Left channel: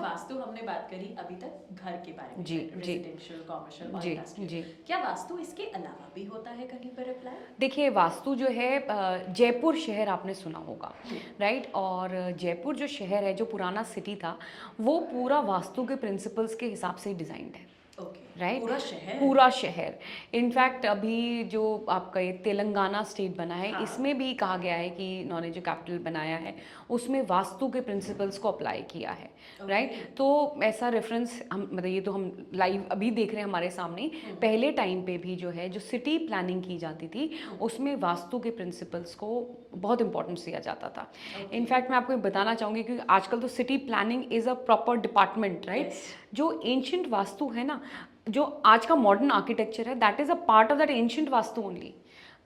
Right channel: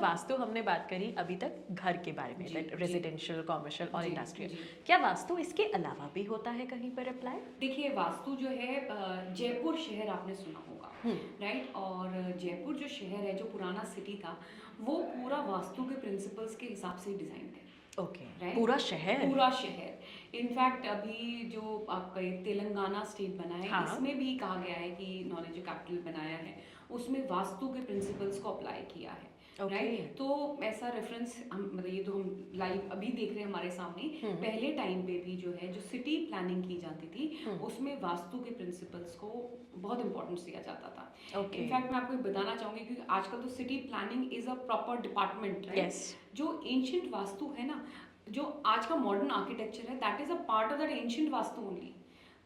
वास्तु हमने बात करी अभी तक घर के बारे में, जी, रेजिडेंशियल, कॉमर्शियल और जी, इंडस्ट्रियल। जी। क्या वास्तु इसके अलावा भी होता है कहीं पर अप्लाई? देखिए वास्तु जो है जयपुर शहर आपने सुना होगा, राइट? और जयपुर जो शहर है, जो पुराना सिटी था, वो पूरा वास्तु के प्रिंसिपल्स के हिसाब से ही डिज़ाइंड है, ओके, राइट? पूरा शहर? पूरा शहर। इनफैक्ट अभी जो आपका ये तेलंगाना स्टेट बना है, हाँ। इसमें भी कहा गया है कि इन्होंने जो कैपिटल बनाया है उसमें वास्तु के प्रिंसिपल्स को अप्लाई किया है, राइट? तो ऐसा रेफरेंस हम मतलब ये तो हम लाइव अभी देख रहे हैं हमारे सामने। पहले टाइम पे भी जो है जो सिटी प्लानिंग की जाती थी उसमें वास्तु के प्रिंसिपल्स को बहुत इंपॉर्टेंस दिया जाता था। इनफैक्ट मैं आपको ये बताना चाहूँगी कि आजकल तो city planning is a proper department, right? जो एंशियंट वास्तु है ना, जो आज का मॉडर्न आर्किटेक्चर है, that is a part of that ancient vastu only.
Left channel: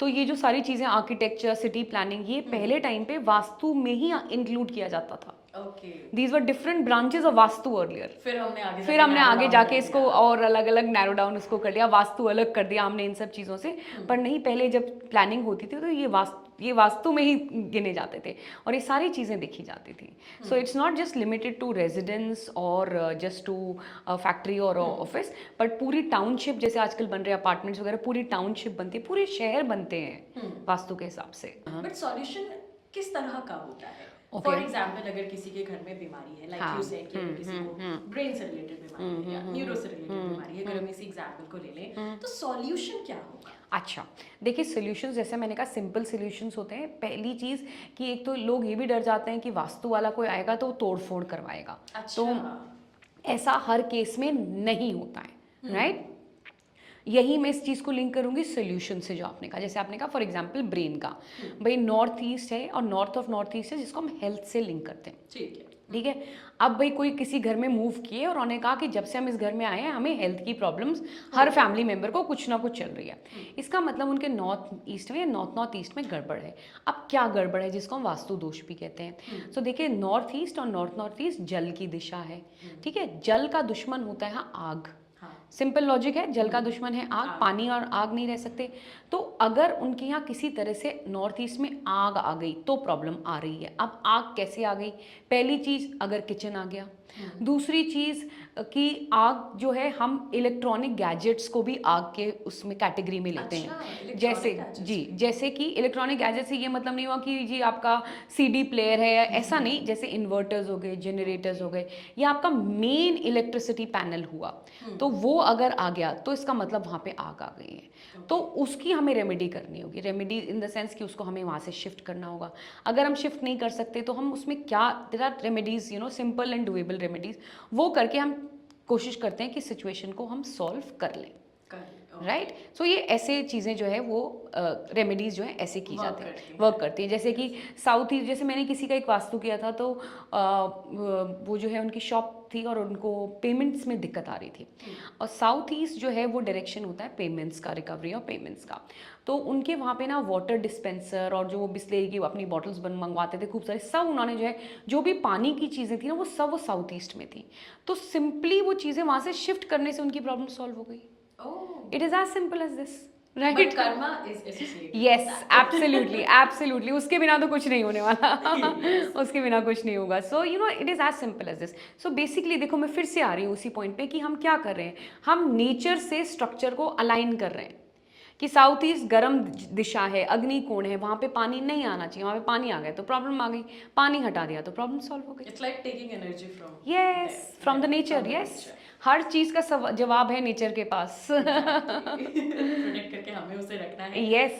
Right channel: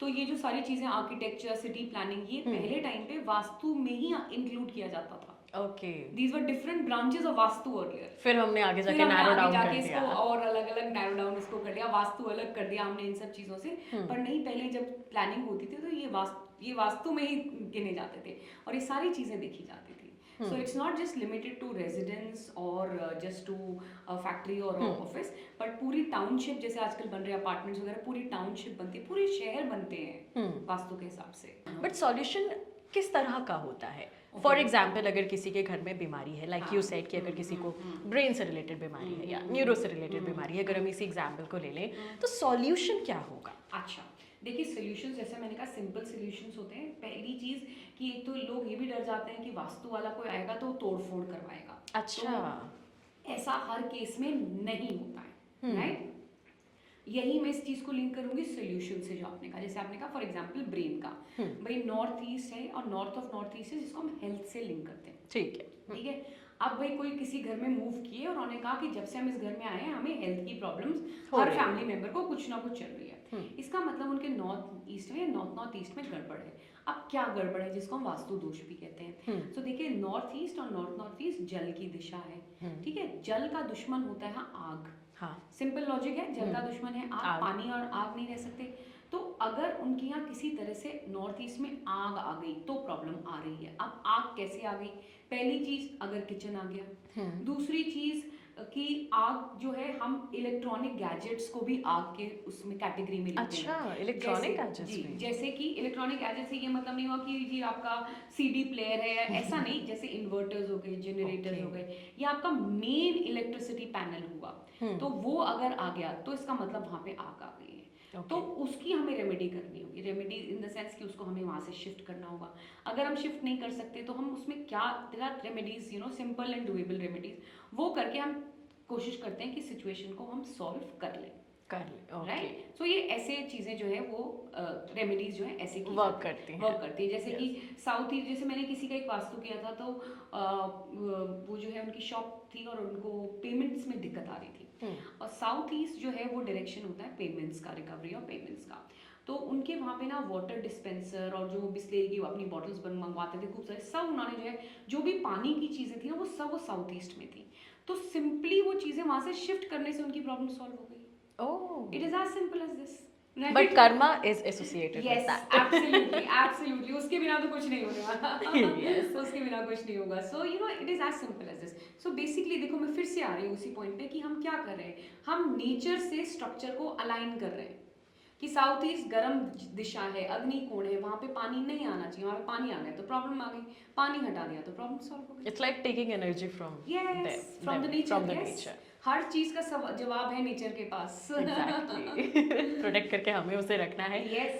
तो ये जो सारी चीज़ें आर्किटेक्चर, सिटी प्लानिंग, ये पहले टाइम पे वास्तु में ही इंक्लूड किया जाता था। Okay, these were different branches of vastu earlier. फिर हमने आगे जाके इसको और अलग अलग नैरो डाउन इसको कर दिया, वास्तु अलग कर दिया हमने इन सब चीज़ों से। पर नहीं, पहले जब प्लानिंग होती थी तो ये वास्तु में ही गिने जाते थे और ये सारी चीज़ें देखी जाती थी। So it's not just limited to residence और जस्ट टू फैक्ट्री और ऑफिस, बट पूरी टाउनशिप जैसे आजकल बन रहे अपार्टमेंट्स वगैरह, पूरी टाउनशिप बनती है, पूरे शहर बनते हैं वास्तु के हिसाब से। बट सॉल्यूशन किस तरह का होता है? फॉर एग्जाम्पल अगर किसी के घर में बीमारी है, लाइक यू सेड कि अगर किसी को ब्रेन से रिलेटेड बीमारी है या न्यूरो से रिलेटेड बीमारी है, अगर हम इसी एग्जाम्पल को ले लें तो सॉल्यूशन क्या होगा? अच्छा, देखिए सोल्यूशंस जैसे मैंने कहा सिंपल सोल्यूशंस होते हैं। पहली चीज़ कि एक तो लोग ये भी डर जाते हैं कि वास्तु वाला कोई आएगा तो तोड़ फोड़ करवाएगा। अच्छा, तो ऐसा हर केस में नहीं होता है, राइट? यही मैं इस चीज़ को लिंक करूंगी सोल्यूशन से जो आपने कहा। जैसे आपने कहा फॉर एग्जांपल ब्रेन का, भाई नॉर्थ ईस्ट है और नॉर्थ ऑफ नॉर्थ ईस्ट है जिसको हम हेल्थ से लिंक करते हैं, ठीक है, ठीक है? अब भाई कोई किसी घर में मूव किए और उन्होंने कहा कि जब से हम इस घर में आए हैं हमें हेल्थ की प्रॉब्लम्स, हर फैमिली मेंबर को कुछ ना कुछ चल रही है। इसका मतलब उनके नॉर्थ ईस्ट में या नॉर्थ ईस्ट में गड़बड़ है। अब क्या गड़बड़ है जिसको हम वास्तु दोष भी कहते हैं? तो देखिए नॉर्थ ईस्ट और नॉर्थ ईस्ट जल की दिशा है, ठीक है? जल का दुश्मन होता है आग। सिंपल लॉजिक है, जल का दुश्मन है आग, पानी और आग नहीं रह सकते। तो अगर उनके यहाँ किसी तरह से नॉर्थ ईस्ट में आग आ गई तो प्रॉब्लम आ रही है। अब आग कैसे आ गई? पहली चीज अगर किचन आ गया, दूसरी चीज कि आग जो है हम इलेक्ट्रॉनिक गैजेट्स को भी आग के उसमें कैटेगरी में लेते हैं। जैसे कि इलेक्ट्रॉनिक गैजेट से ये मतलब नहीं हुआ कि जी आपका सीडी प्लेयर है या ऐसा नहीं, जैसे इन्वर्टर्स हो गए, जनरेटर्स हो गए, या आपका मेन इलेक्ट्रिसिटी पैनल हुआ, तो वो अगर आ गया तो इसका मतलब वहाँ पे आग आ गई है। तो उसकी हमें रेमेडी करनी होगी। रेमेडी इन द सेंस कि उसको हमें वहाँ से शिफ्ट करना होगा। अगर हम शिफ्ट नहीं कर सकते तो हम उसमें क्या, there are remedies, simple and doable remedies, वो करके हम कोशिश करते हैं कि सिचुएशन को हम सॉल्व कर लें, राइट? सो ये ऐसे चीज़ें जो है वो रेमेडीज जो है ऐसे की जाती हैं, वर्क करती हैं। जैसे कि साउथ ईस्ट, जैसे मैंने किसी का एक वास्तु किया था तो वो जो है उनकी शॉप थी और उनको पेमेंट्स में दिक्कत आ रही थी। और साउथ ईस्ट जो है वो डायरेक्शन होता है पेमेंट्स का, रिकवरी ऑफ पेमेंट्स का। तो उनके वहाँ पे ना वाटर डिस्पेंसर और जो बिस्लेरी की अपनी बॉटल्स मंगवाते थे खूब सारे, सब उन्होंने जो है जो भी पानी की चीज़ें थी ना वो सब वो साउथ ईस्ट में थी। तो सिंपली वो चीज़ें वहाँ से शिफ्ट करने से उनकी प्रॉब्लम सॉल्व हो गई। It is as simple as this, right? But karma is associated. Yes, absolutely, absolutely. उसके बिना तो कुछ नहीं होने वाला। उसके बिना कुछ नहीं होगा। So it is as simple as this. So basically देखो मैं फिर से आ रही हूँ उसी पॉइंट पे कि हम क्या कर रहे हैं, हम नेचर से स्ट्रक्चर को अलाइन कर रहे हैं कि साउथ ईस्ट गर्म दिशा है, अग्नि कोण है, वहाँ पे पानी नहीं आना चाहिए, वहाँ पे पानी आ गया तो प्रॉब्लम आ गई, पानी हटा दिया तो प्रॉब्लम सॉल्व हो गई। It's like taking energy from from the nature. Yes, हर चीज का जवाब है नेचर के पास। प्रोटेक्ट करके हमें उसे रखना है। यस।